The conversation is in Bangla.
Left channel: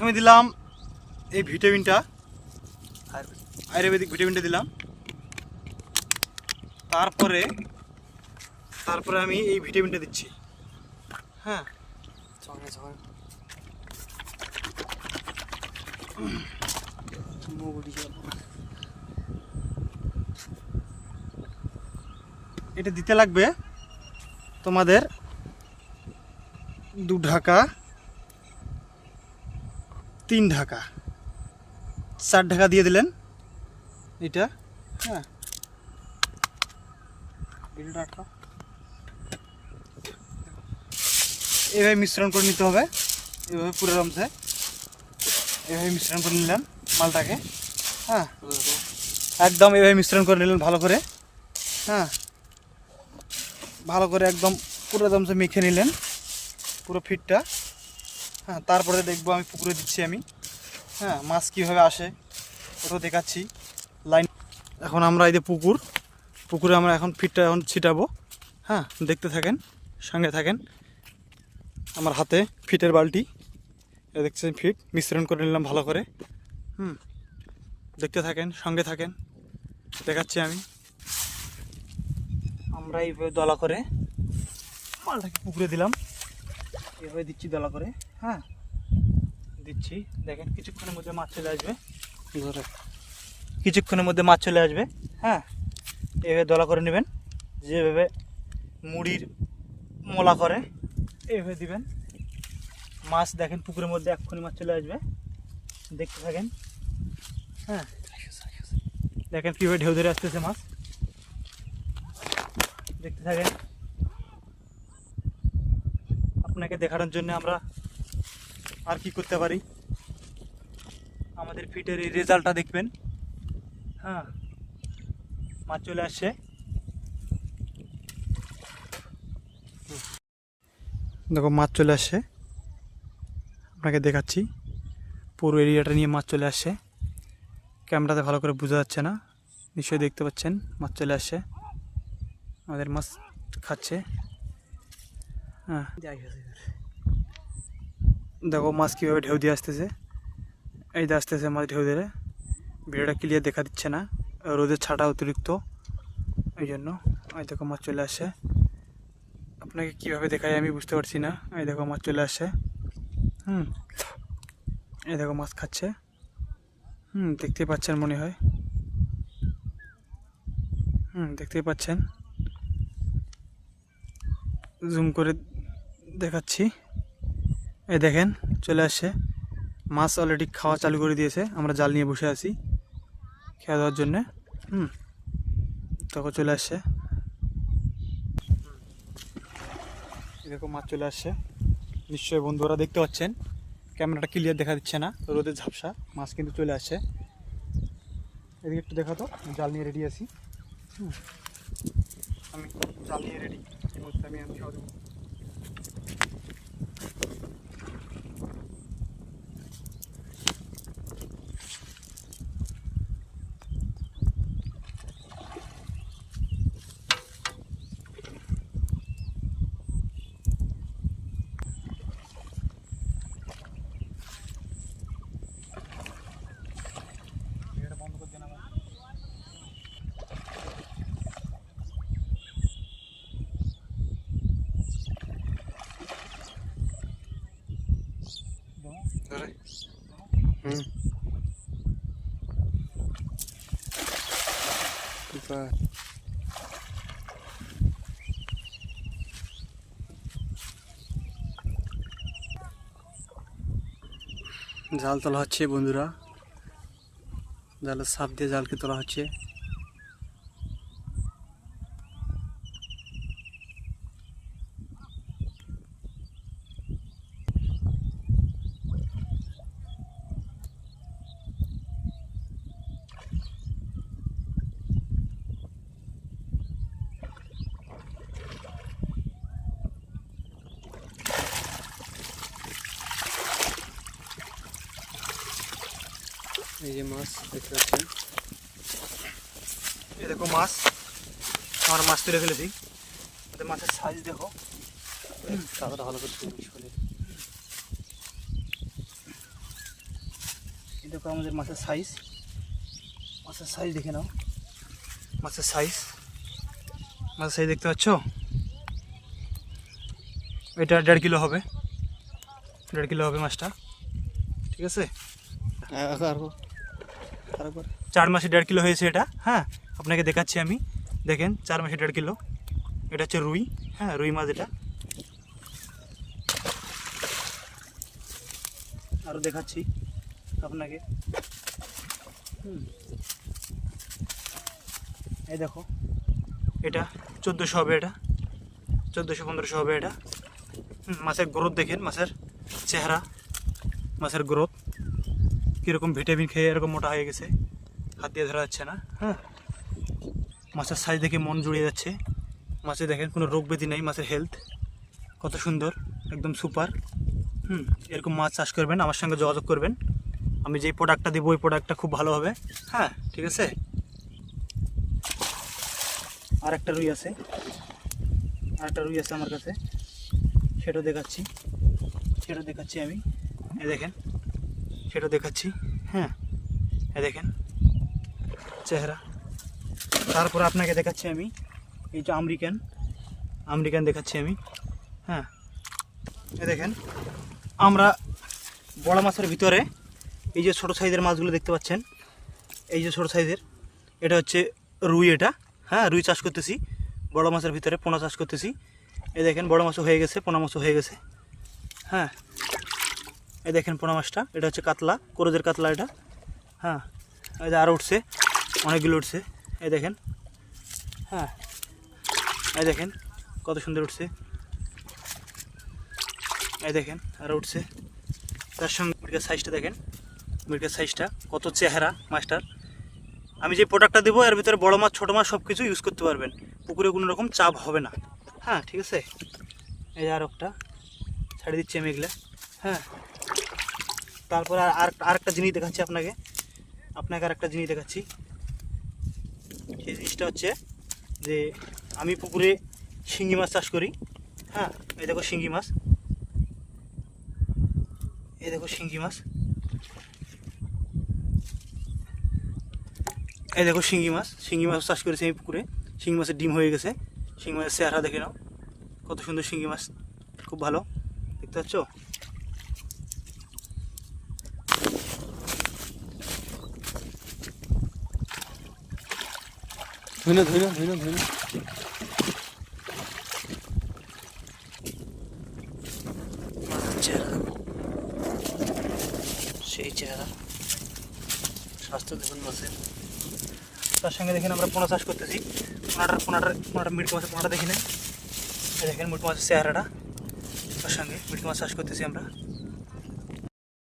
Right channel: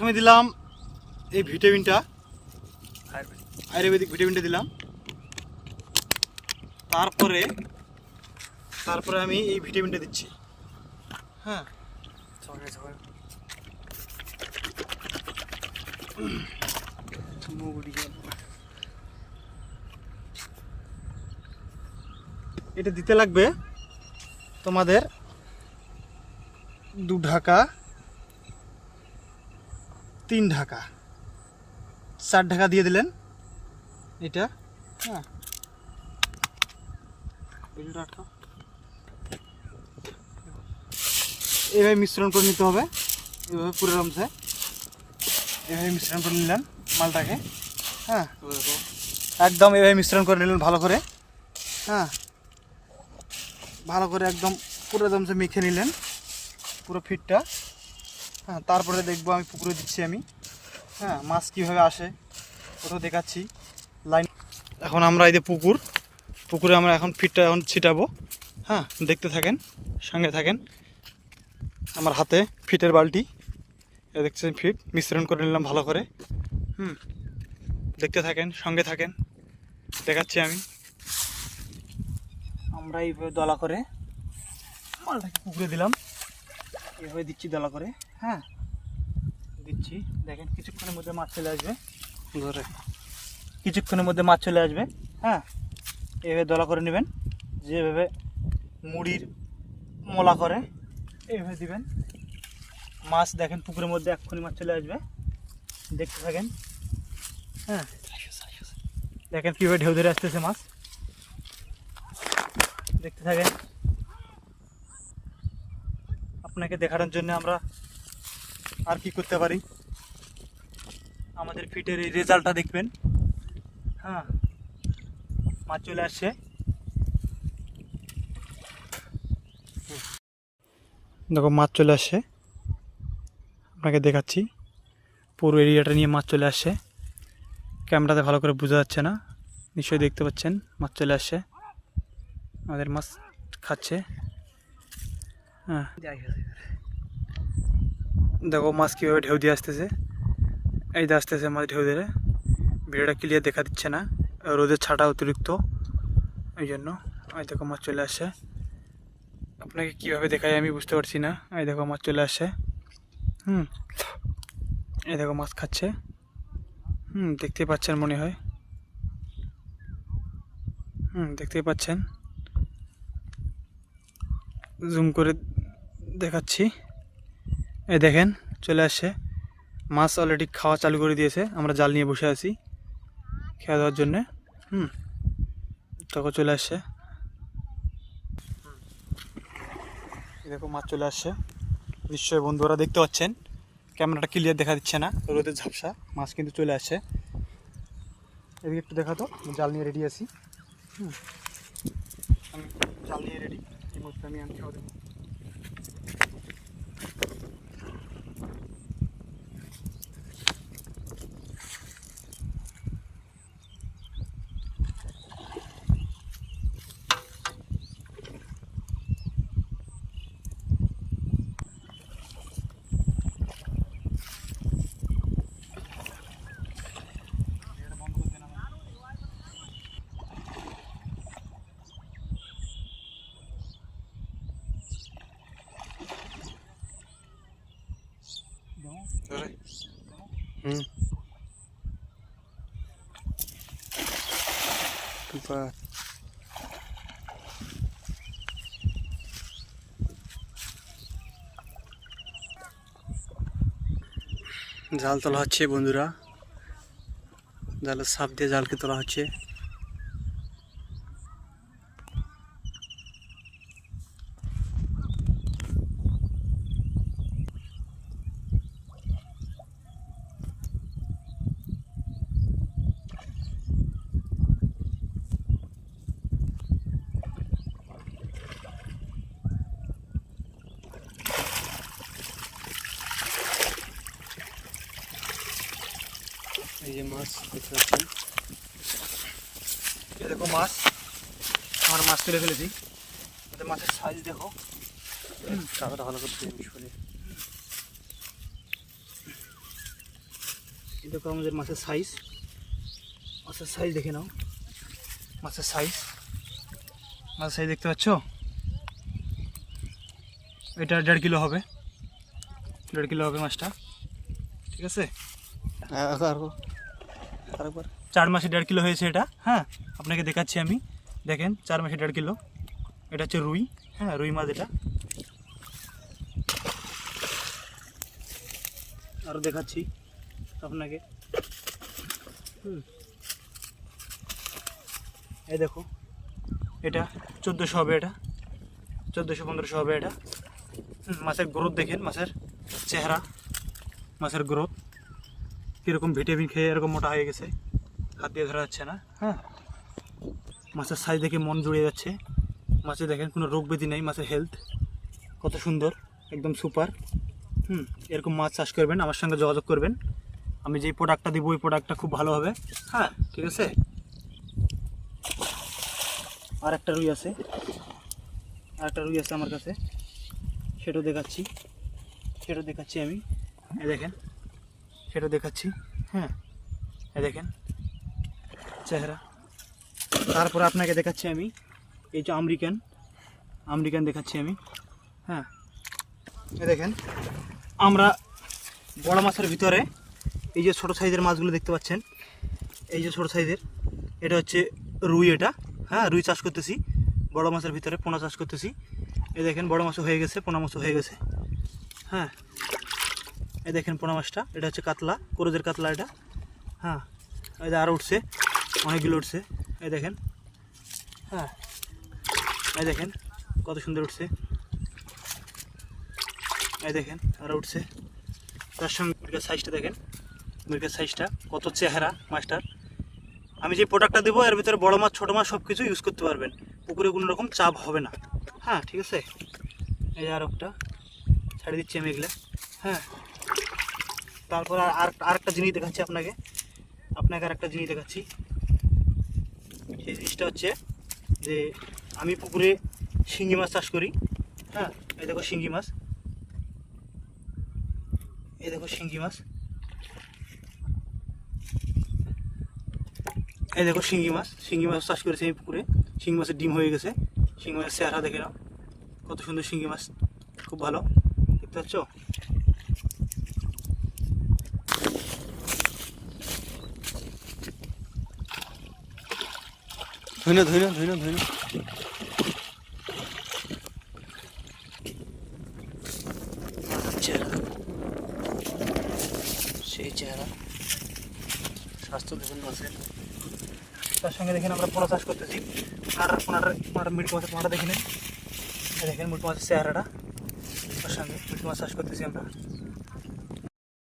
প্রথমে দিলাম এই ভিটামিনটা, আয়ুর্বেদিক ভিটামিনটা দিলাম। তারপরে আমি এই ভিটামিনটা দিচ্ছি। হ্যাঁ, এটা দিতে লাগবে তোমাদের 2 ঢাকা, 3 ঢাকা, 4 ঢাকা দিয়ে দিলেন এটা। হ্যাঁ, এভাবে মিশ্রণ করে নিতে হবে। এভাবে পুরো রমসে এভাবে মিশ্রণ করে নিলেন মালটাকে। হ্যাঁ, একদম এভাবে মিশ্রণ করে নিলেন ভালো করে। হ্যাঁ, ভালো করে একদম পুরো রমসে মেখে নিলেন পুরো ফিটটা। হ্যাঁ, তারপরে দেখবো আমি পুকুরে দিচ্ছি আমি। হ্যাঁ, মাছ কীভাবে আসে ওটাও দেখাচ্ছি লাইন। এখন আমরা এই যে পুকুরে আমরা এখন ফিটটা এখন ছিটাবো। হ্যাঁ, দেখতে থাকেন, সঙ্গে থাকেন। আমার হাতে ফিটের বালতি, এটা দেখছেন ফিট মিশ্রণ করে নিলাম ভালো করে। দেখতে থাকেন, সঙ্গে থাকেন, দেখাচ্ছি আমি। আমরা এইভাবে দলা করে মালটাকে পুকুরে দিলাম, এইভাবে দিচ্ছি দলা করে। হ্যাঁ, দিচ্ছি, দেখেন কিছুক্ষণের মধ্যে মাছ চলে আসবে ঘরে, কিছুক্ষণের মধ্যে মাছ চলে আসবে। হ্যাঁ, এইভাবে দলা করে নেবেন, যেভাবে মুড়ির মোলা করে এইভাবে দিবেন। মাছ দেখেন পুকুরের মধ্যে এক্ষুনি মাছ চলে আসবে, দেখতে থাকেন। হ্যাঁ, দেখেন কীভাবে ঢেউ ধরে আসতেছে মাছ, দেখতে থাকেন। আপনাকে দেখানোর জন্য আমরা আর কি করতে পারি, আমাদের ফিটের এই রেজাল্টটা দেখবেন। হ্যাঁ, মাছ চলে আসছে, দেখো মাছ চলে আসছে, আপনাকে দেখাচ্ছি পুরো এরিয়াটা নিয়ে মাছ চলে আসছে। ক্যামেরাতে ভালো করে বোঝা যাচ্ছে না, নিশ্চয়ই দেখতে পাচ্ছেন মাছ চলে আসছে, আমাদের মাছ খাচ্ছে। হ্যাঁ, দেখো মাছ কীভাবে ঢেউ দিয়ে আসতেছে, এই যে আসতেছে মাছ ঢেউ ধরে। ভিডিওটা ক্লিয়ার দেখা দিচ্ছে না, রোদের ছাটা অতিরিক্ত, এই জন্য। এই দেখো মাছ চলে আসছে, আপনাকে কীভাবে দেখাই আমি বুঝতে পারছি না। এই দেখো মাছ চলে আসছে। এই দেখো মাছ খাচ্ছে। দেখতে পাচ্ছেন মনে হয়। দেখতেই পাচ্ছেন, জুম করে দেখাচ্ছি। এই দেখেন চলে আসছে মাছ, অলরেডি খাওয়া চালু করে দিয়েছে। আমরা জাল নিয়ে বসে আছি খেয়া দেওয়ার জন্যে। তখন চলে আসছে, দেখো মাছ চলে আসছে। নিশ্চয়ই বন্ধুরা দেখতে পাচ্ছেন, ক্যামেরাটা ক্লিয়ার দেখা দিচ্ছে না, রোদের ঝাপসা। মাছ কিন্তু চলে আসছে। এদিকে একটু দেখা তো, জাল নিয়ে রেডি আছি। আমি জাল নিয়ে রেডি, আমি খাওয়া দেবো। জাল তোলা হচ্ছে বন্ধুরা, জালের সাপ দিয়ে জালকে তোলা হচ্ছে। এই যে মাছ দেখতে পাচ্ছেন, এই দেখো মাছ, আমার মাছ তুলে ফেলেছি। মাছের সাইজ দেখো, কাদাটা ভালো করতে এই দেখো আমাদের মাছের সাইজ দেখে নাও, মাছের সাইজ দেখতে পাচ্ছ? এটা 1.5 কিলো হবে, 1.5 কিলো হবে মাছটা, ঠিক আছে? আরেকবার 4 মাসে 1.5 কিলো হয়েছে এটা। হ্যাঁ, আপনাকে দেখাচ্ছি আমি, দেখেন 4 মাসে 1.5 কিলো। এটা হচ্ছে রুই, হ্যাঁ রুই মাছ এটা। আরও দেখাচ্ছি আপনাকে। এই দেখো এটা 1400 হবে, এটা 1400-1500 হবে এটা। মাছের গ্রোথ দেখেন, মাছের চেহারা, মাছের গ্রোথ কীরকম, ভিটামিন খেয়ে এরকম মোটা হয়ে গেছে, হাত দিয়ে ধরা যাচ্ছে না। হ্যাঁ, মাছের সাইজ দেখে মন জুড়ে যাচ্ছে। মাছে দেখেন কোনো রোগ ব্যাধি নাই, মাছের হেলথ কত সুন্দর, একদম সুপার। এরকম মাছ চাষ করবেন, আমার সঙ্গে যোগাযোগ করবেন। আমি যেই প্রোডাক্টটা দিব ওই প্রোডাক্টটা খুব ভালো হবে। হ্যাঁ, ঠিক আছে। আর একটা রুই আছে আমার কাছে, সেটাও দেখাচ্ছি আমি। এই দেখেন, সেটা দেখাচ্ছি। হ্যাঁ, এই দেখেন চেহারা। তারপরে আপনাকে দেখাচ্ছি আমি এই যে আমেরিকান দেখাচ্ছি আমি। হ্যাঁ, এই দেখেন আমরা বড় মাছের ভিতরে এই যে ছোট সাইজের মাছগুলো দেখতে পাচ্ছেন, এই যে ছোট সাইজের, এটা হচ্ছে রুই। এটা হ্যাঁ, রুই চাষ করতেছি। বড় মাছের ভিতরে পোনা চাষ করতেছি। এই দেখেন বড় মাছও হয়ে গেছে, পোনা মাছও হয়ে গেছে। হ্যাঁ, এই দেখেন পোনা মাছটা, এটা হচ্ছে কাতলা, করজের কাতলা এটা। হ্যাঁ, এই যে আরও উঠছে, অনেকগুলো উঠছে। এই দেখেন, হ্যাঁ এই দেখেন কত সুন্দর উঠছে। এই দেখেন আরও উঠছে। তার সঙ্গে মুরগির সাইজটা দেখেন, মুরগির সাইজটা কত চেহারা মাছটার। আমি যে প্রোডাক্টটা দেবো এর ভিতরে বড় মাছ ছোটো মাছ সব কিছু ইউজ করতে পারবেন, পুকুরে কোনো রকম চাপ হবে না। হ্যাঁ, ঠিক আছে। এই আর একটা ছাড়ি দিচ্ছি আমি এগুলো। হ্যাঁ, তারপরে আরেকটা জিনিস দেখাচ্ছি আপনাকে আরেকটা জিনিস দেখাচ্ছি। সেই জিনিসটা হচ্ছে যে আমি পুকুরে শিঙ্গি মাছ চাষ করি। হ্যাঁ, এই দেখো শিঙ্গি মাছ, এই দেখো শিঙ্গি মাছ, এই দেখো শিঙ্গি মাছ চাষ করেছি আমি পুকুরে। শিঙ্গি মাছের ডিম হয়ে গেছে। শিঙ্গি মাছের চেহারা দেখে নাও, কত সুন্দর শিঙ্গি মাছ, খুব ভালো দেখতে পাচ্ছ। ধন্য চেহারা দেখো, সেই চেহারা, স্বাস্থ্য দেখুন মাছের। তার সঙ্গে দেখেন আমরা পোনা চাষ করতেছি। পোনাটা মিটকে মাছের পোনাটা দেখি না, দেখেন মিটকে মাছের চেহারাটা, তার সঙ্গে মিটকে মাছ চাষ করতেছি আমরা।